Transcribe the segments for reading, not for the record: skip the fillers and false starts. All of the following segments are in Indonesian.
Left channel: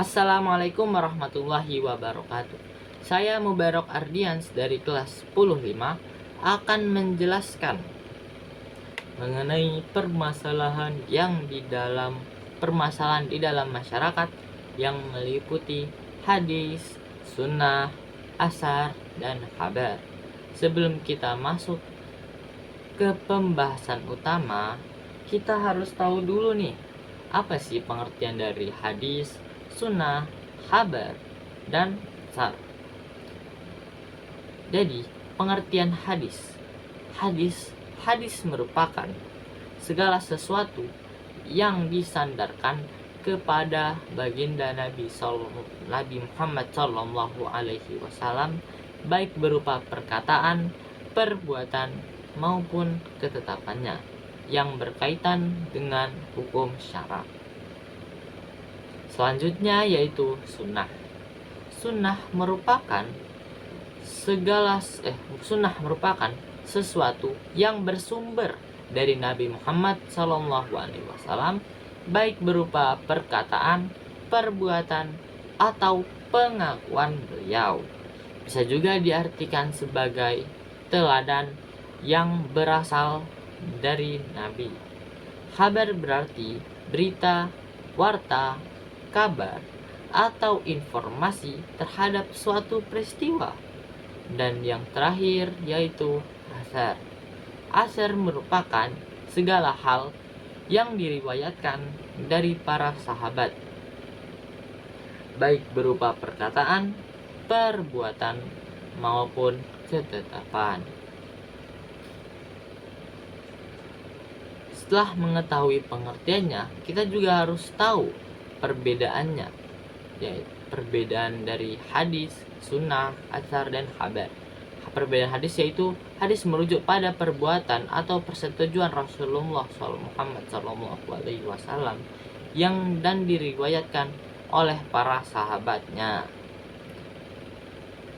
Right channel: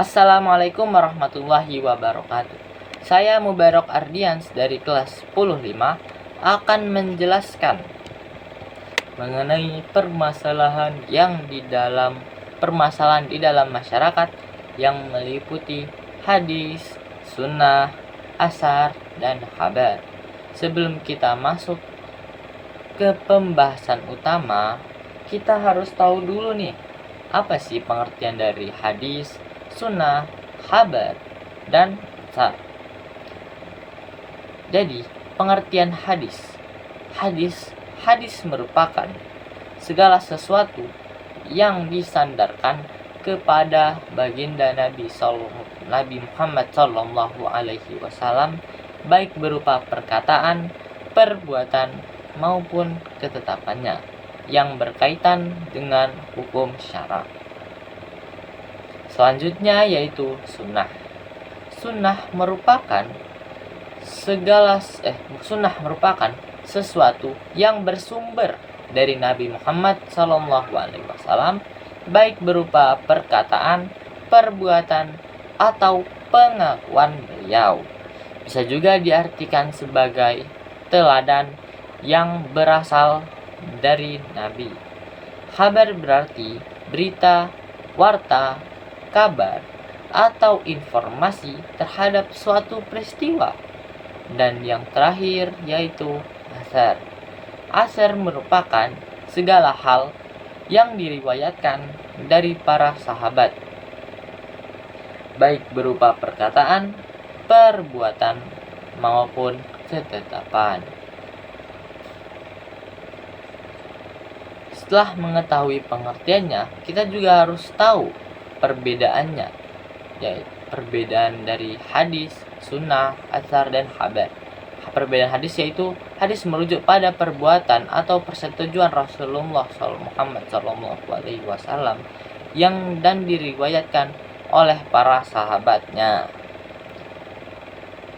Assalamualaikum warahmatullahi wabarakatuh. Saya Mubarak Ardians dari kelas 105 akan menjelaskan mengenai permasalahan di dalam masyarakat yang meliputi hadis, sunnah, asar, dan khabar. Sebelum kita masuk ke pembahasan utama, kita harus tahu dulu nih, apa sih pengertian dari hadis, sunnah, khabar, dan asar. Jadi, pengertian hadis. Hadis merupakan segala sesuatu yang disandarkan kepada baginda Nabi Muhammad Sallallahu Alaihi Wasallam, baik berupa perkataan, perbuatan, maupun ketetapannya yang berkaitan dengan hukum syara. Selanjutnya yaitu sunnah. Sunnah merupakan sesuatu yang bersumber dari Nabi Muhammad SAW, baik berupa perkataan, perbuatan, atau pengakuan beliau. Bisa juga diartikan sebagai teladan yang berasal dari Nabi. Khabar berarti berita, warta, kabar, atau informasi terhadap suatu peristiwa. Dan yang terakhir yaitu asar. Asar merupakan segala hal yang diriwayatkan dari para sahabat, baik berupa perkataan, perbuatan, maupun ketetapan. Setelah mengetahui pengertiannya, kita juga harus tahu perbedaannya, yaitu perbedaan dari hadis, sunnah, asar, dan khabar. Perbedaan hadis yaitu hadis merujuk pada perbuatan atau persetujuan Rasulullah Muhammad SAW yang dan diriwayatkan oleh para sahabatnya.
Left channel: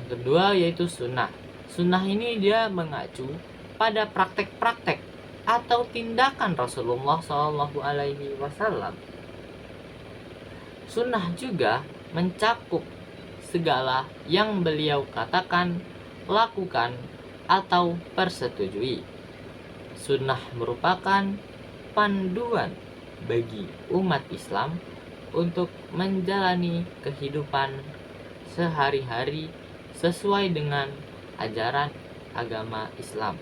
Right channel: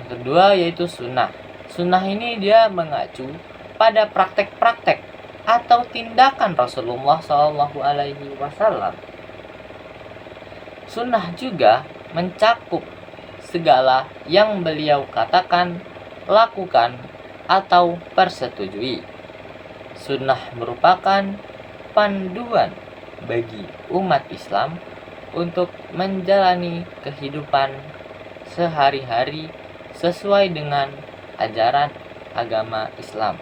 Yang kedua yaitu sunnah. Sunnah ini dia mengacu pada praktek-praktek atau tindakan Rasulullah SAW. Sunnah juga mencakup segala yang beliau katakan, lakukan, atau persetujui. Sunnah merupakan panduan bagi umat Islam untuk menjalani kehidupan sehari-hari sesuai dengan ajaran agama Islam.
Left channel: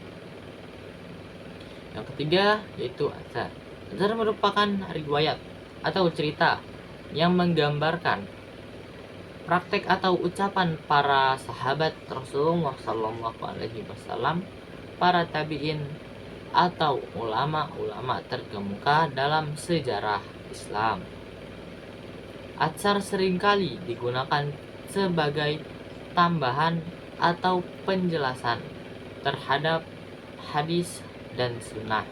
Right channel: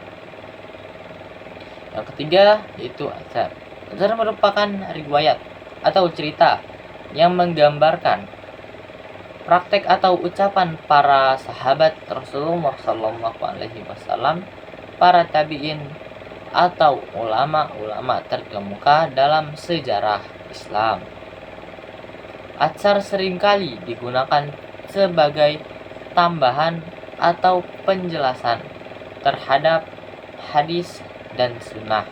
Yang ketiga yaitu asar. Asar merupakan riwayat atau cerita yang menggambarkan praktek atau ucapan para sahabat Rasulullah SAW, para tabi'in, atau ulama-ulama terkemuka dalam sejarah Islam. Asar seringkali digunakan sebagai tambahan atau penjelasan terhadap hadis dan sunnah.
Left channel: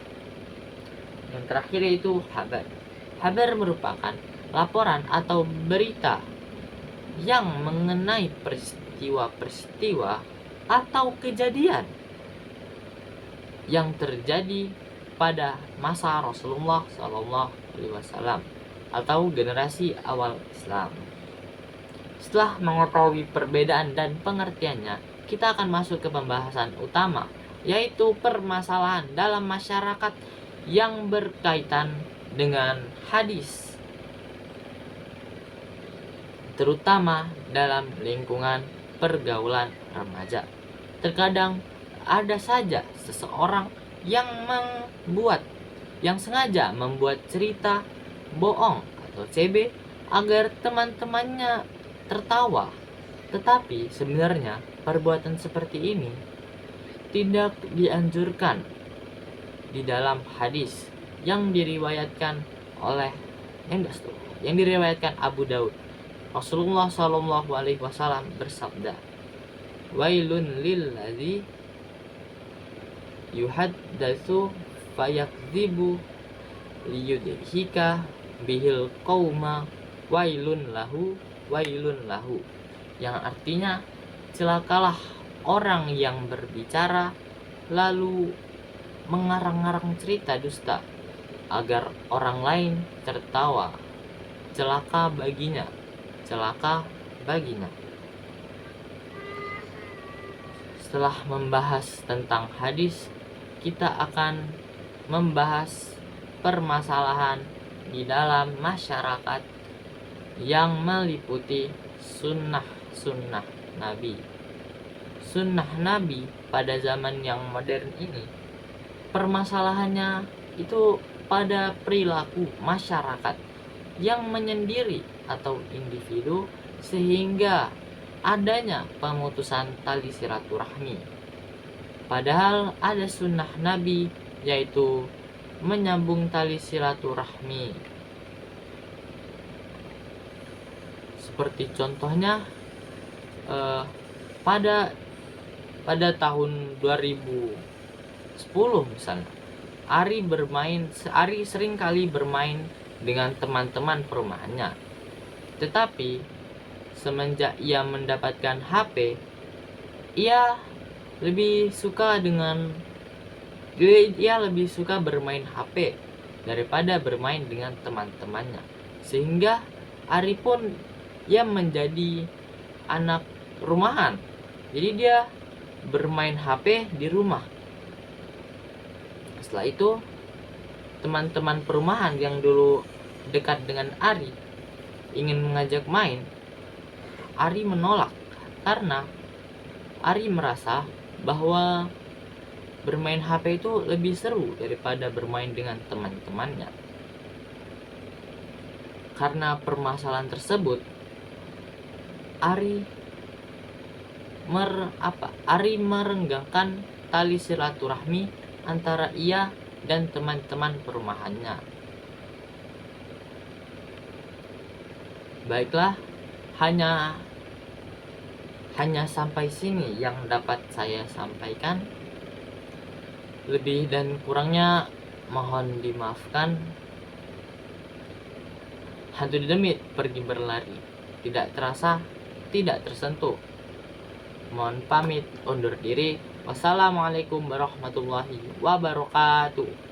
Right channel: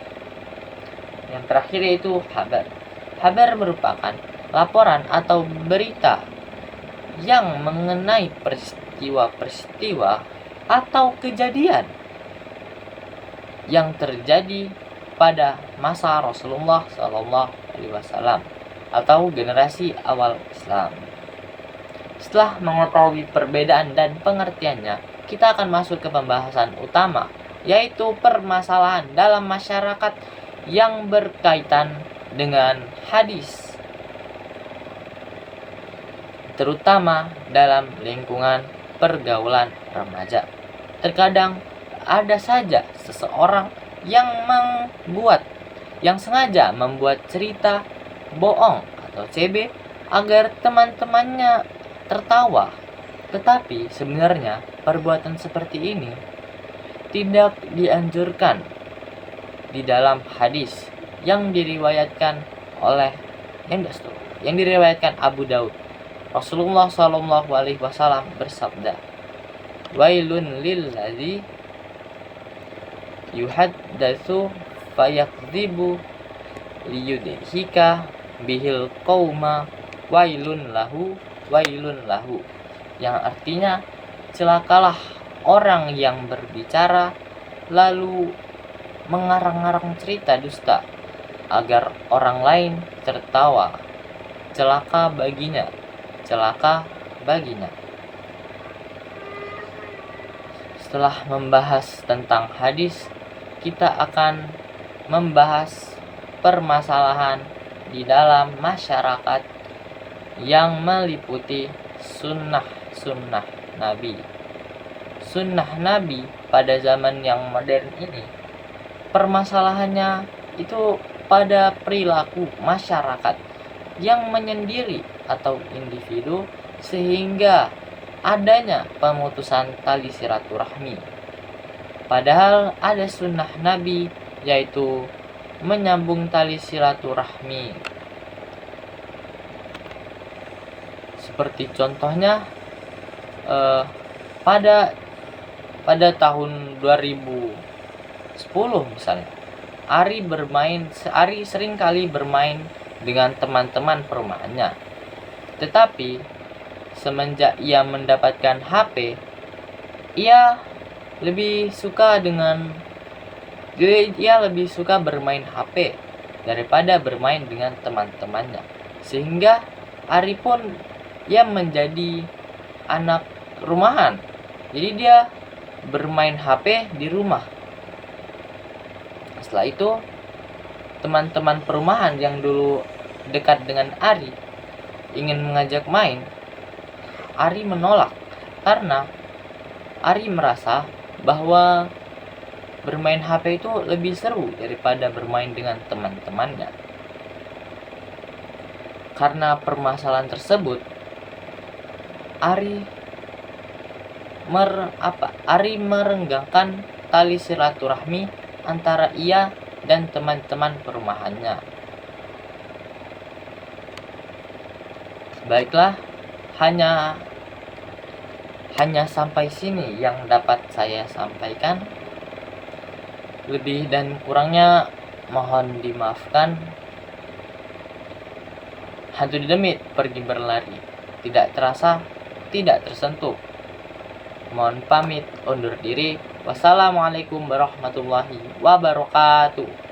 Yang terakhir yaitu khabar. Khabar merupakan laporan atau berita yang mengenai peristiwa-peristiwa atau kejadian yang terjadi pada masa Rasulullah SAW atau generasi awal Islam. Setelah mengetahui perbedaan dan pengertiannya, kita akan masuk ke pembahasan utama, yaitu permasalahan dalam masyarakat yang berkaitan dengan hadis, terutama dalam lingkungan pergaulan remaja. Terkadang ada saja seseorang yang sengaja membuat cerita bohong atau CB agar teman-temannya tertawa. Tetapi sebenarnya perbuatan seperti ini tidak dianjurkan di dalam hadis yang diriwayatkan Abu Daud. Rasulullah SAW bersabda, "Wailun lilladzi yuhaddatsu fayakdzibu liyudhika bihil qauma wailun lahu." Yang artinya, celakalah orang yang berbicara lalu mengarang-arang cerita dusta agar orang lain tertawa. Celaka baginya. celaka baginya. Setelah membahas tentang hadis, kita akan membahas permasalahan di dalam masyarakat yang meliputi sunnah-sunnah Nabi. Sunnah Nabi pada zaman yang modern ini, permasalahannya itu pada perilaku masyarakat yang menyendiri atau individu, sehingga adanya pemutusan tali silaturahmi. Padahal ada sunnah Nabi, yaitu menyambung tali silaturahmi. Seperti contohnya pada tahun 2010 misalnya, Ari sering kali bermain dengan teman-teman perumahannya. Tetapi semenjak ia mendapatkan HP, ia lebih suka bermain HP daripada bermain dengan teman-temannya. Sehingga Ari pun ia menjadi anak rumahan. Jadi dia bermain HP di rumah. Setelah itu, teman-teman perumahan yang dulu dekat dengan Ari ingin mengajak main. Ari menolak karena Ari merasa bahwa bermain HP itu lebih seru daripada bermain dengan teman-temannya. Karena permasalahan tersebut, Ari merenggangkan tali silaturahmi antara ia dan teman-teman perumahannya. Baiklah, hanya sampai sini yang dapat saya sampaikan. Lebih dan kurangnya mohon dimaafkan. Hantu demit pergi berlari, tidak terasa, tidak tersentuh. Mohon pamit undur diri. Wassalamualaikum warahmatullahi wabarakatuh.